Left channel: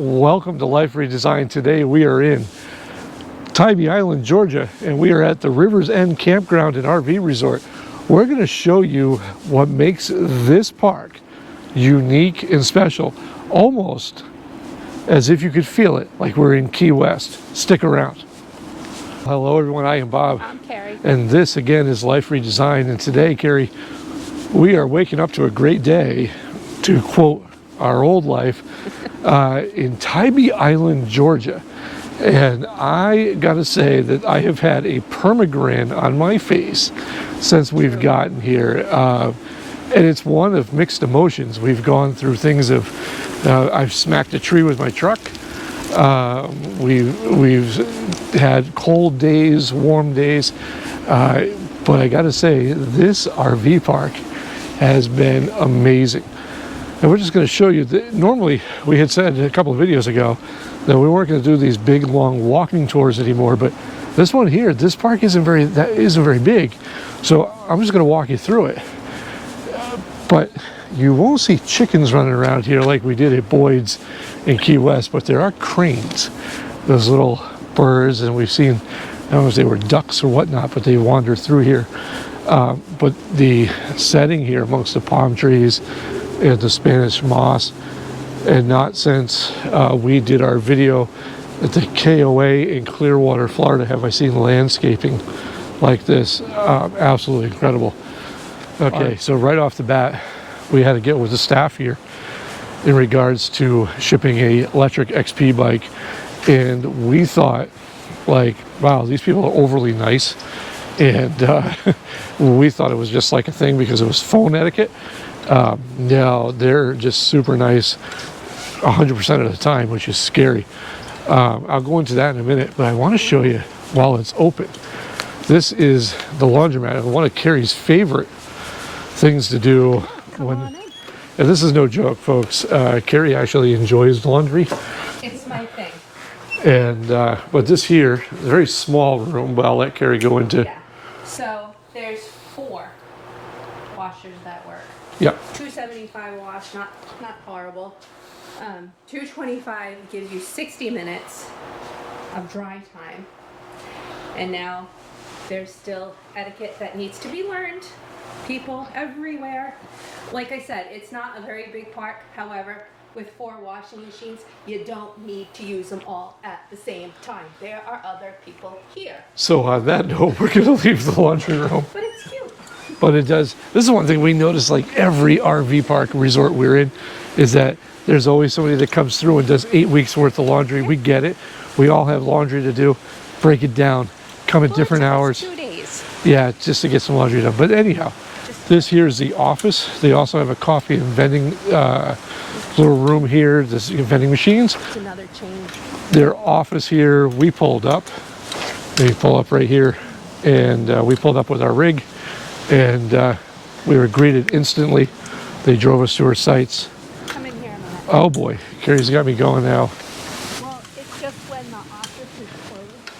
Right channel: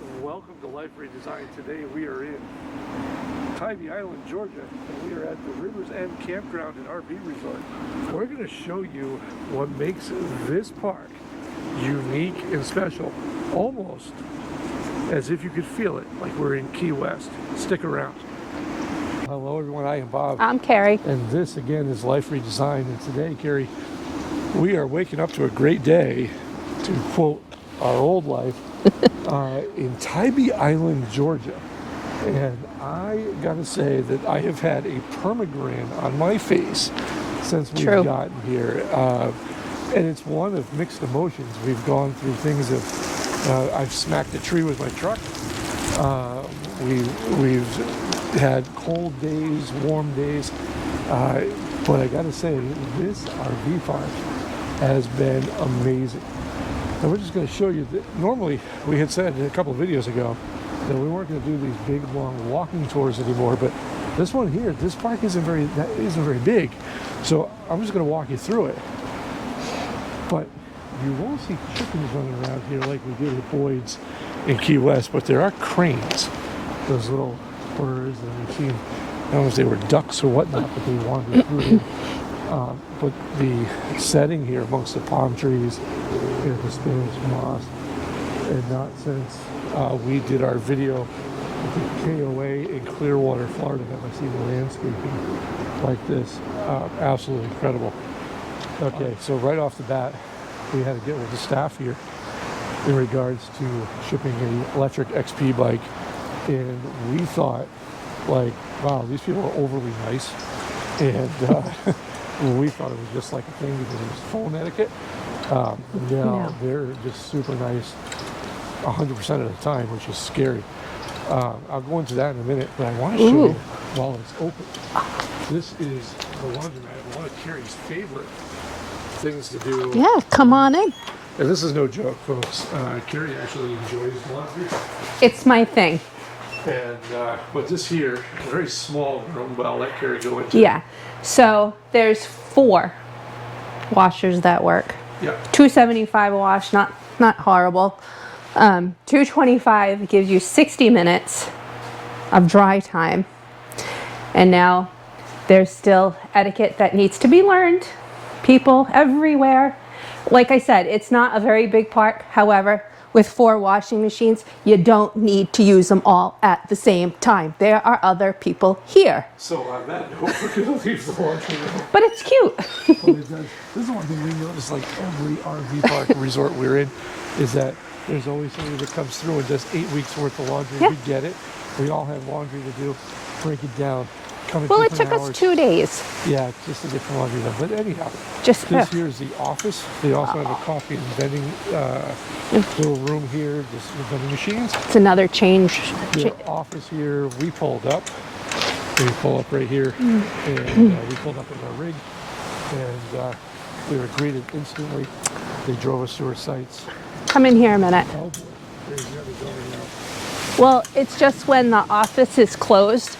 welcome to Life Redesigned. Today we are in Tybee Island, Georgia, and we are at the River's End Campground and RV Resort. We're going to show you what makes this park unique and special, almost as if you could feel it, like we're in Key West. Stick around. Hello everyone, I am Bob. I'm Carrie. And this again is Life Redesigned, and today, Carrie, we are waking up to a great day, to quote our old life, in Tybee Island, Georgia. And I gotta say that I have had a permagrin on my face since we've gotten here. And it's one of mixed emotions. We've gone through things of, I've smacked a tree with my truck. We've had cold days, warm days. But I gotta say, this RV park has been amazing. And we're just going to show you that normally we had said a couple of videos ago that we weren't going to do these big long walking tours anymore, but this one here, this park isn't very big, so I'm just going to walk you through it. But you won't see chickens running around here like we did at Boyd's in Key West, but there are cranes, those little birds, and we've seen, I don't know if they were ducks or whatnot, but they wander through here. But the setting here amongst the palm trees and the Spanish moss, and not since we did our video at the KOA in Clearwater, Florida, have I seen landscaping like this. Absolutely incredible. Okay, so right off the bat, we had to get with the staff here in regards to shipping a electric XP bike, and we thought, like, wow, these people are overly nice, and we thought it was just like a thing because it was phone etiquette. No, they're just super nice 100% of the time, which is scary. I'll go into that in a minute, but I want to show you while it's open. This is the laundromat, and one of Carrie's favorite things to do. Yeah, come on in. And this is no joke, folks. Carrie actually enjoys laundry. It's my thing. And but this here, a very small room, but I'll let Carrie go into. Yeah, so there's 4 washers that work. Yeah. $2.75 a wash, not horrible. $2.25 gives you 60 minutes of dry time. And now there's still etiquette that needs to be learned. People everywhere. Like I said, it's not a very big park. However, with 4 washing machines, you don't need to use them all at the same time. There are other people here. So on that note, we're going to leave the laundry room. But it's cute. But it does. This is one thing we notice, like every RV park resort we're in, is that there's always somebody that comes through and does 8 weeks worth of laundry. Yep. We get it. We all have laundry to do. Break it down. Come at different hours. It took us 2 days. Yeah, just to get some laundry done. But anyhow, this here is the office. They also have a coffee and vending little room here. There's vending machines. It's another change. Their office here, we pulled up. We pull up right here, and we pulled up with our rig, and we were greeted instantly. They drove us to our sites. Come in here a minute. Oh boy, Carrie's got me going now. Well, it's just when the office is closed,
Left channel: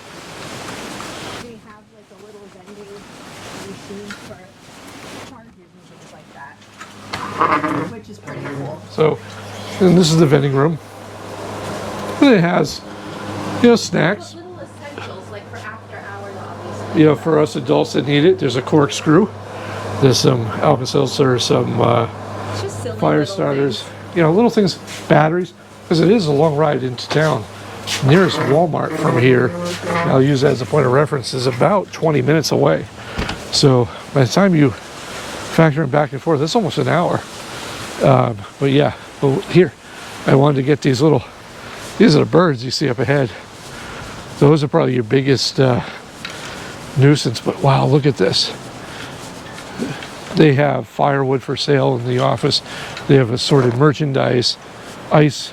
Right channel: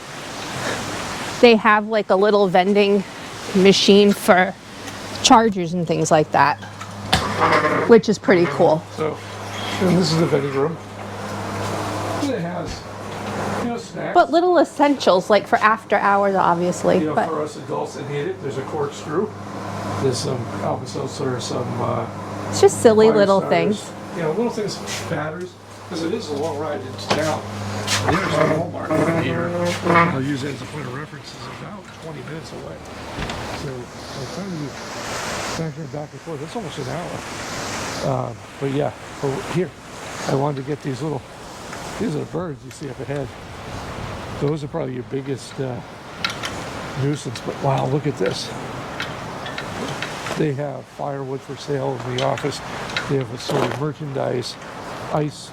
they have like a little vending machine for chargers and things like that, which is pretty cool. So, and this is the vending room. It has, snacks. But little essentials, like for after hours, obviously. For us adults that need it, there's a corkscrew. There's some Alka-Seltzer, some it's just silly little starters. things. Little things, batteries, because it is a long ride into town. Nearest Walmart from here, I'll use that as a point of reference, is about 20 minutes away. So by the time you factor it back and forth, it's almost an hour. But yeah, here, I wanted to get these are the birds you see up ahead. Those are probably your biggest nuisance, but wow, look at this. They have firewood for sale in the office. They have assorted merchandise, ice.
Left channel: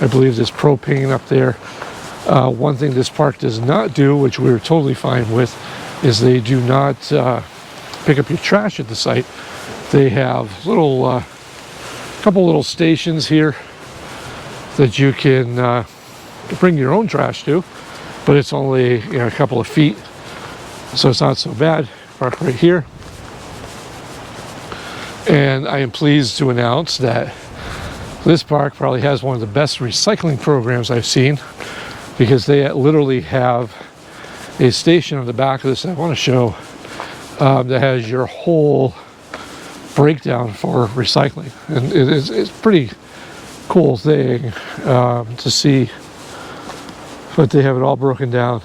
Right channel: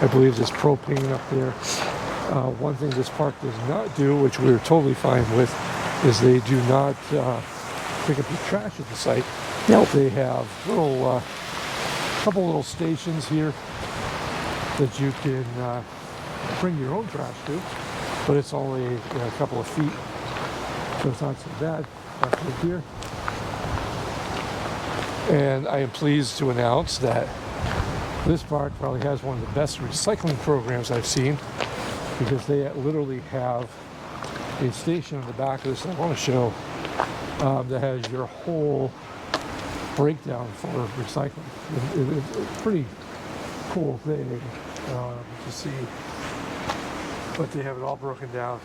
I believe there's propane up there. One thing this park does not do, which we were totally fine with, is they do not pick up your trash at the site. Nope. They have couple little stations here that you can bring your own trash to, but it's only a couple of feet, so it's not so bad. Park right here. And I am pleased to announce that This park probably has one of the best recycling programs I've seen, because they literally have a station on the back of this I want to show that has your whole breakdown for recycling. And it's a pretty cool thing to see, but they have it all broken down,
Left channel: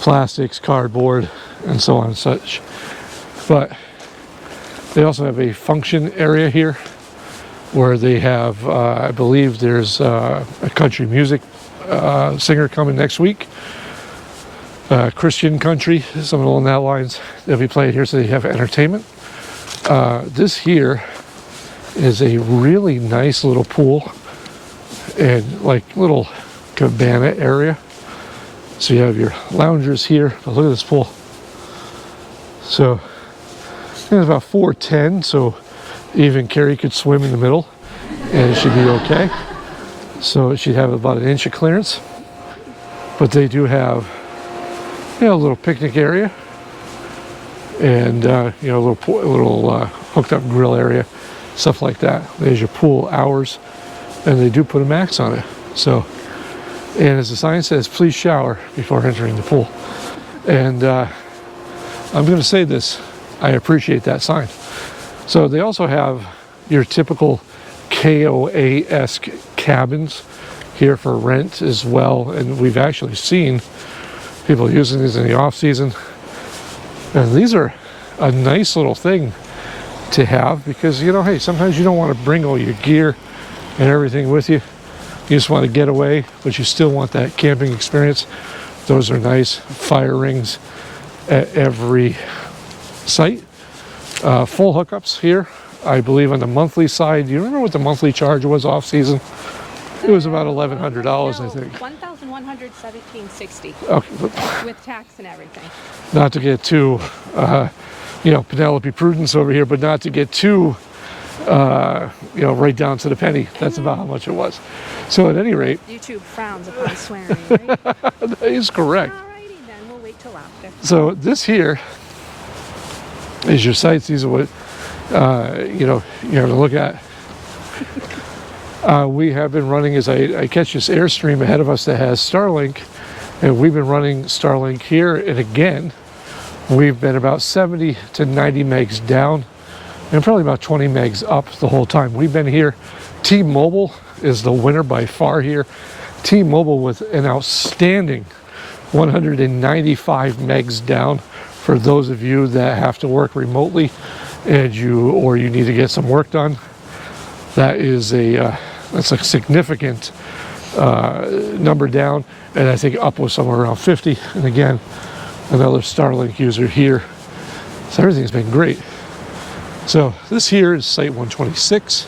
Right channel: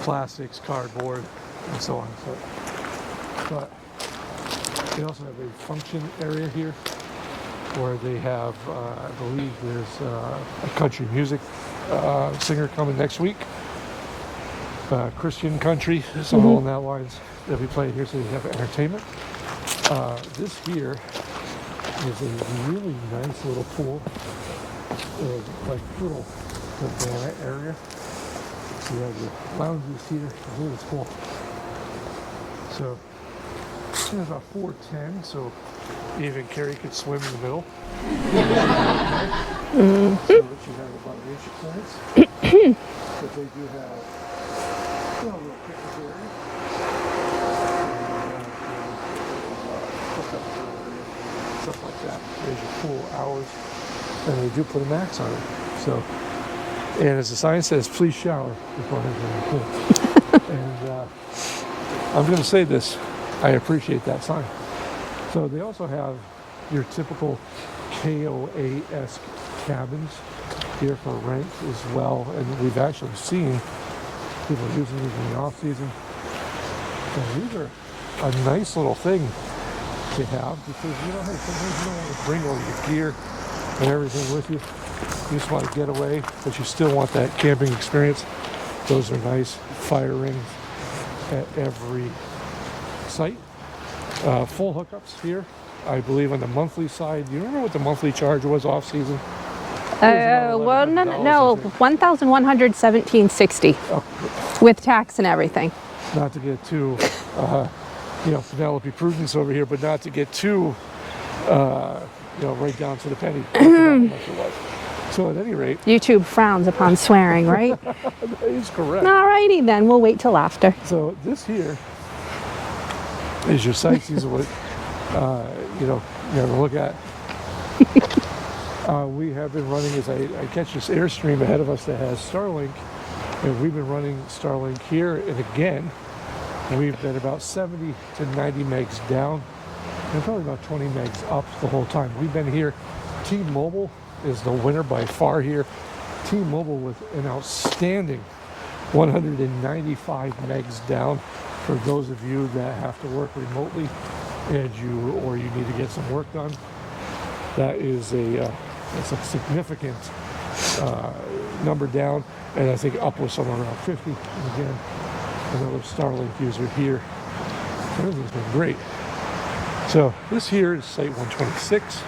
plastics, cardboard, and so on and such. But they also have a function area here where they have, I believe there's a country music singer coming next week, Christian country, something along that lines. They'll be playing here, so they have entertainment. This here is a really nice little pool and like little cabana area. So you have your loungers here, but look at this pool. So it's about 4'10", so even Carrie could swim in the middle and it should be okay. So it should have about an inch of clearance. But they do have, you know, a little picnic area and you know, a little hooked up grill area, stuff like that. There's your pool hours, and they do put a max on it. So, and as the sign says, please shower before entering the pool. And I'm going to say this, I appreciate that sign. So they also have your typical KOA-esque cabins here for rent as well, and we've actually seen people using these in the off season. And these are a nice little thing to have, because, you know, hey, sometimes you don't want to bring all your gear and everything with you. You just want to get away, but you still want that camping experience. Those are nice. Fire rings at every site. Full hookups here, I believe, on the monthly side. Do you remember what the monthly charge was off season? It was about $1,100. No, $1,117.60 Okay. with tax and everything. Not to get too, you know, Penelope Prudence over here, but not to get too, you know, right down to the penny. That's about how much it was. So at any rate, YouTube frowns upon swearing, right? that is correct. All righty then, we'll wait till after. So this here is your sites. These are what, you know, you're going to look at. We have been running, as I catch this Airstream ahead of us that has Starlink, and we've been running Starlink here, and again, we've been about 70 to 90 megs down, and probably about 20 megs up the whole time. We've been here. T-Mobile is the winner by far here. T-Mobile with an outstanding 195 megs down for those of you that have to work remotely and you need to get some work done. That is that's a significant number down, and I think up was somewhere around 50. And again, another Starlink user here. So everything's been great. So this here is site 126.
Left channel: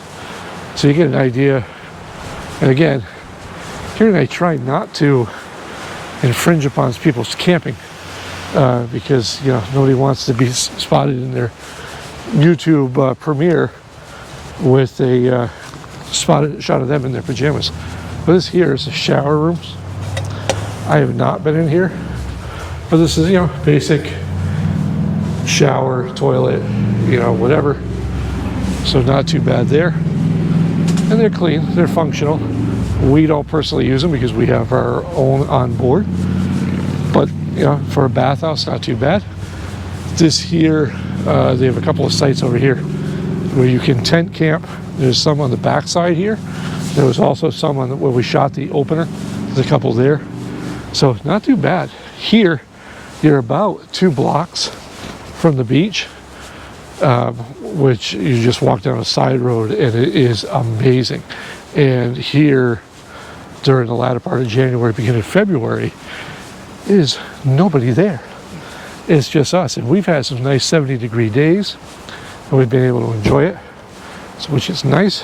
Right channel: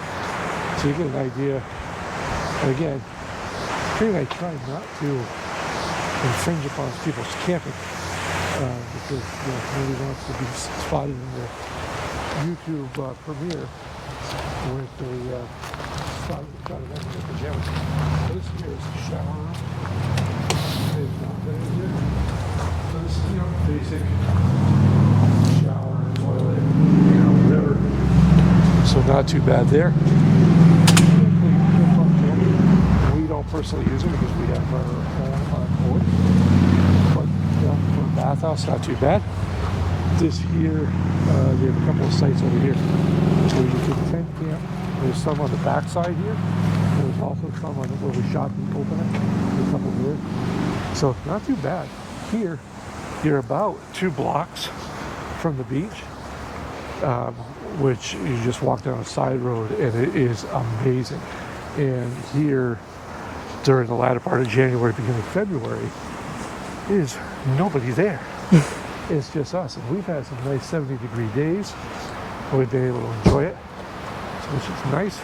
So you get an idea. And again, here and I try not to infringe upon people's camping because, you know, nobody wants to be spotted in their YouTube premiere with a spotted shot of them in their pajamas. But this here is the shower rooms. I have not been in here, but this is, you know, basic shower, toilet, you know, whatever. So not too bad there. And they're clean, they're functional. We don't personally use them because we have our own on board. But, you know, for a bathhouse, not too bad. This here, they have a couple of sites over here where you can tent camp. There's some on the back side here. There was also some on where we shot the opener. There's a couple there. So not too bad. Here, you're about 2 blocks from the beach, which you just walk down a side road and it is amazing. And here, during the latter part of January, beginning of February, there's nobody there. It's just us. And we've had some nice 70-degree days, and we've been able to enjoy it, so, which is nice.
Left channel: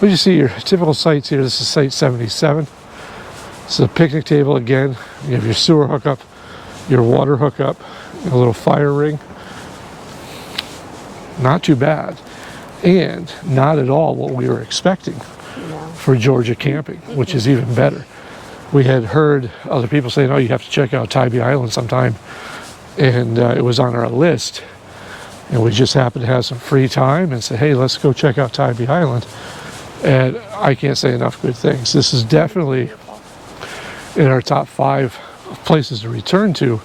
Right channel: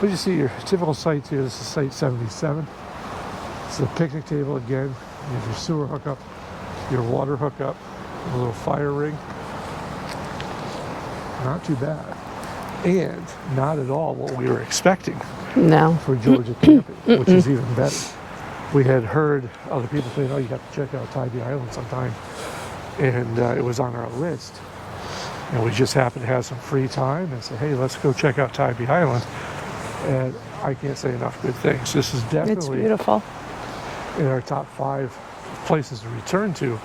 But you see your typical sites here. This is site 77. This is a picnic table again. You have your sewer hookup, your water hookup, a little fire ring. Not too bad. And not at all what we were expecting. No. For Georgia camping, which is even better. We had heard other people saying, oh, you have to check out Tybee Island sometime. And it was on our list. And we just happened to have some free time and said, hey, let's go check out Tybee Island. And I can't say enough good things. This is It's definitely beautiful. in our top 5 places to return to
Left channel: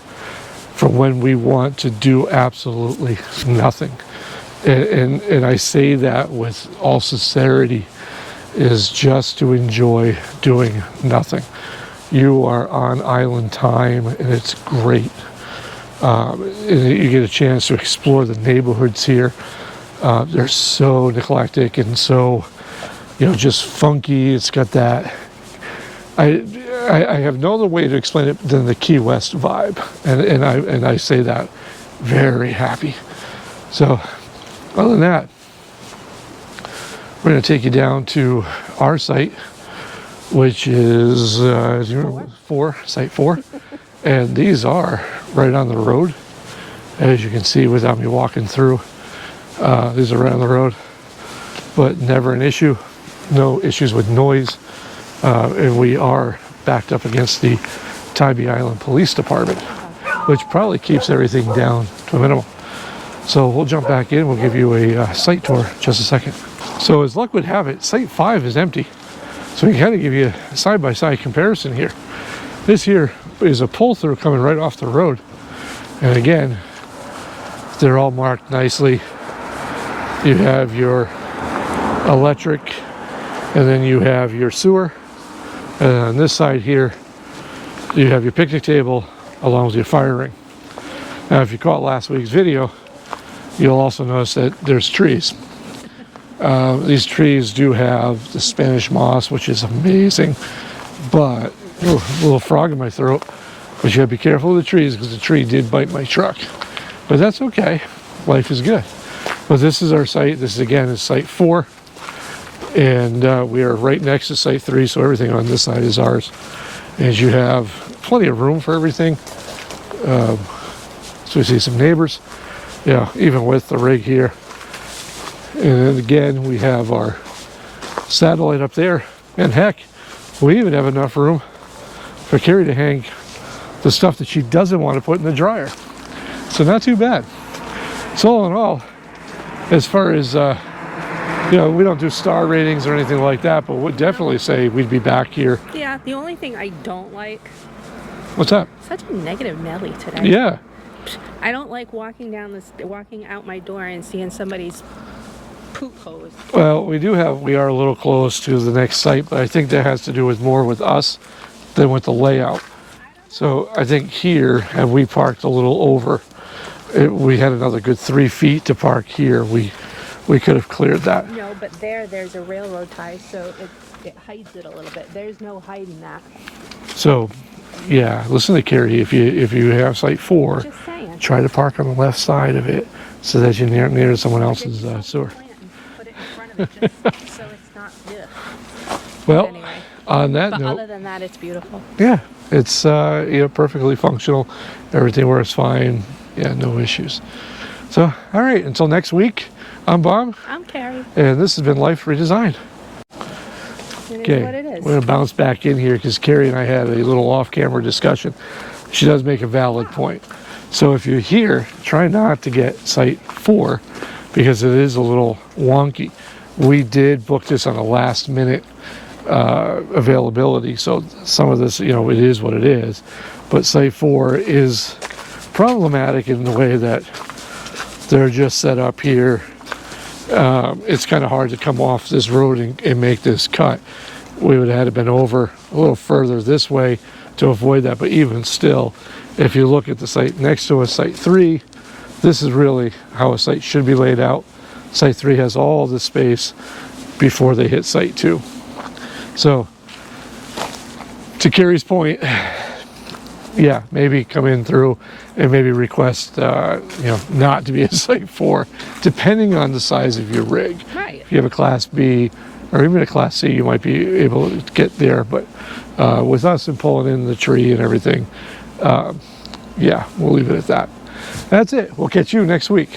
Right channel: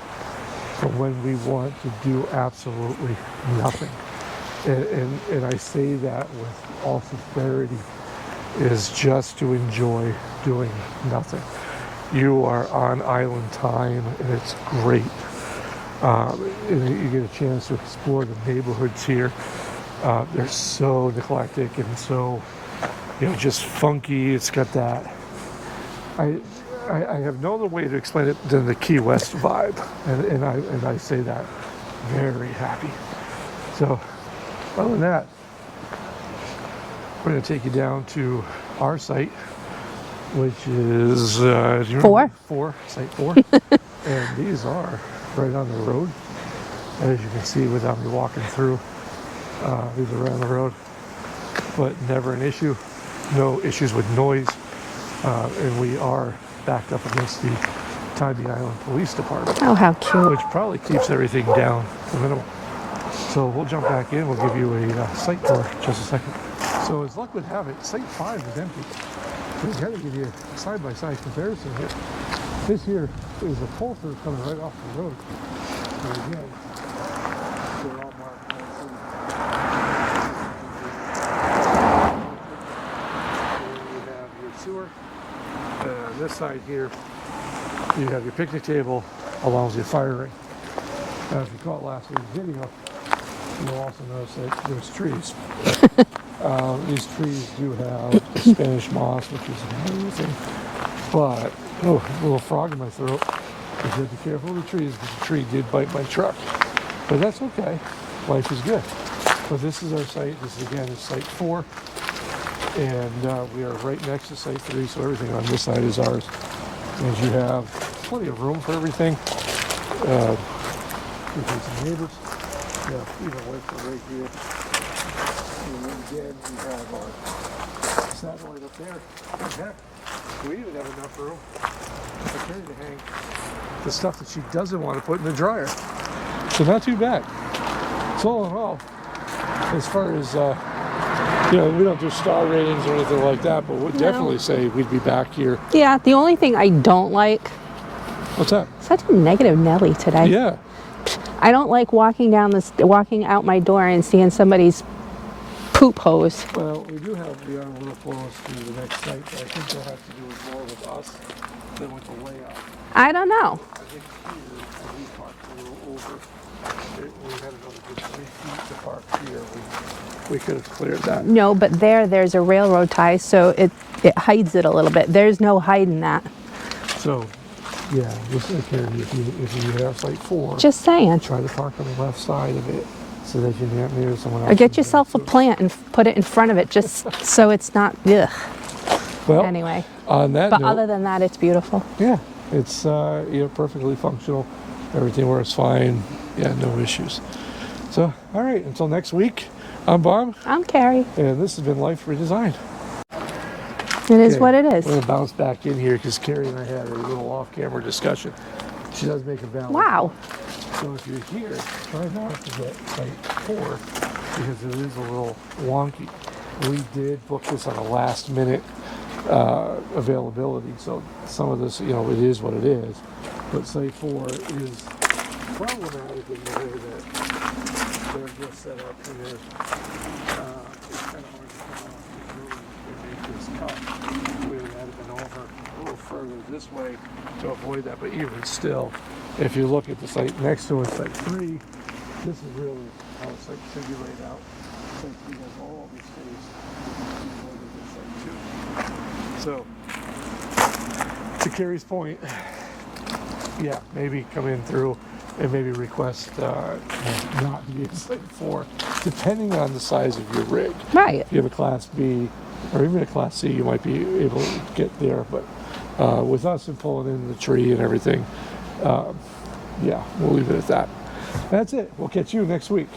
for when we want to do absolutely nothing. And I say that with all sincerity, is just to enjoy doing nothing. You are on island time, and it's great. And you get a chance to explore the neighborhoods here. They're so eclectic and so, just funky. It's got that. I have no other way to explain it than the Key West vibe, and I say that very happy. So, other than that, we're going to take you down to our site, which is site 4, and these are right on the road, as you can see without me walking through. These are right on the road, but never an issue. No issues with noise, and we are backed up against the Tybee Island Police Department. Oh, how cute. Which probably keeps everything down to a minimum. So we'll jump back in. We'll give you a site tour in just a second. So as luck would have it, site 5 is empty. So we can kind of give you a side-by-side comparison here. This here is a pull-through coming right off the road. And again, they're all marked nicely. You have your electric, and then you have your sewer. And on this side here, you have your picnic table along with your fire ring. Now, if you caught last week's video, you'll also notice that there's trees. These trees do have the Spanish moss, which is amazing, but a little frog in my throat. But you gotta be careful with the trees because the tree did bite my truck. But that's okay. Life is good. But this is our site. This again is site 4, and we are right next to site 3, so everything on this side is ours. And you have plenty of room for everything. So we see some neighbors. Yeah, even with the rig here. And then again, we have our satellite up there. And heck, we even have enough room for Carrie to hang the stuff that she doesn't want to put in the dryer. So not too bad. So all in all, as far as, we don't do star ratings or anything like that, but we'd definitely say we'd be back here. Yeah, the only thing I don't like. What's that? Such a negative Nelly today. Yeah. I don't like walking out my door and seeing somebody's poop hose. Well, we are a little close to the next site, but I think that has to do with more with us than with the layout. I don't know. So I think here, had we parked a little over, we had another good 3 feet to park here. We could have cleared that. No, but there's a railroad tie, so it hides it a little bit. There's no hiding that. So, yeah, listen to Carrie. If you have site 4, Just saying. try to park on the left side of it so that you're near someone Or else's. get yourself a sewer. plant and put it in front of it, just so it's not. Ugh. Well, Anyway. on that But note, other than that, it's beautiful. yeah, it's perfectly functional. Everything works fine. Yeah, no issues. So, all right, until next week, I'm Bob, I'm Carrie. and this has been Life Redesigned. It is Okay, what it is. We're gonna bounce back in here because Carrie and I had a little off-camera discussion. She does make a valid Wow. point. So if you're here, try not to get site 4 because it is a little wonky. We did book this on a last-minute availability, so some of this, it is what it is. But site 4 is problematic in the way that they're just set up here. It's kind of hard to come off this road and make this cut. We would have had to been over a little further this way to avoid that, but even still, if you look at the site next to us, site 3, this is really how a site should be laid out. Site 3 has all the space before they hit site 2. So, to Carrie's point, yeah, maybe come in through and maybe request, not to be a site 4, depending on the size of your rig. Right. If you have a Class B or even a Class C, you might be able to get there. But with us and pulling in the tree and everything, yeah, we'll leave it at that. That's it. We'll catch you next week.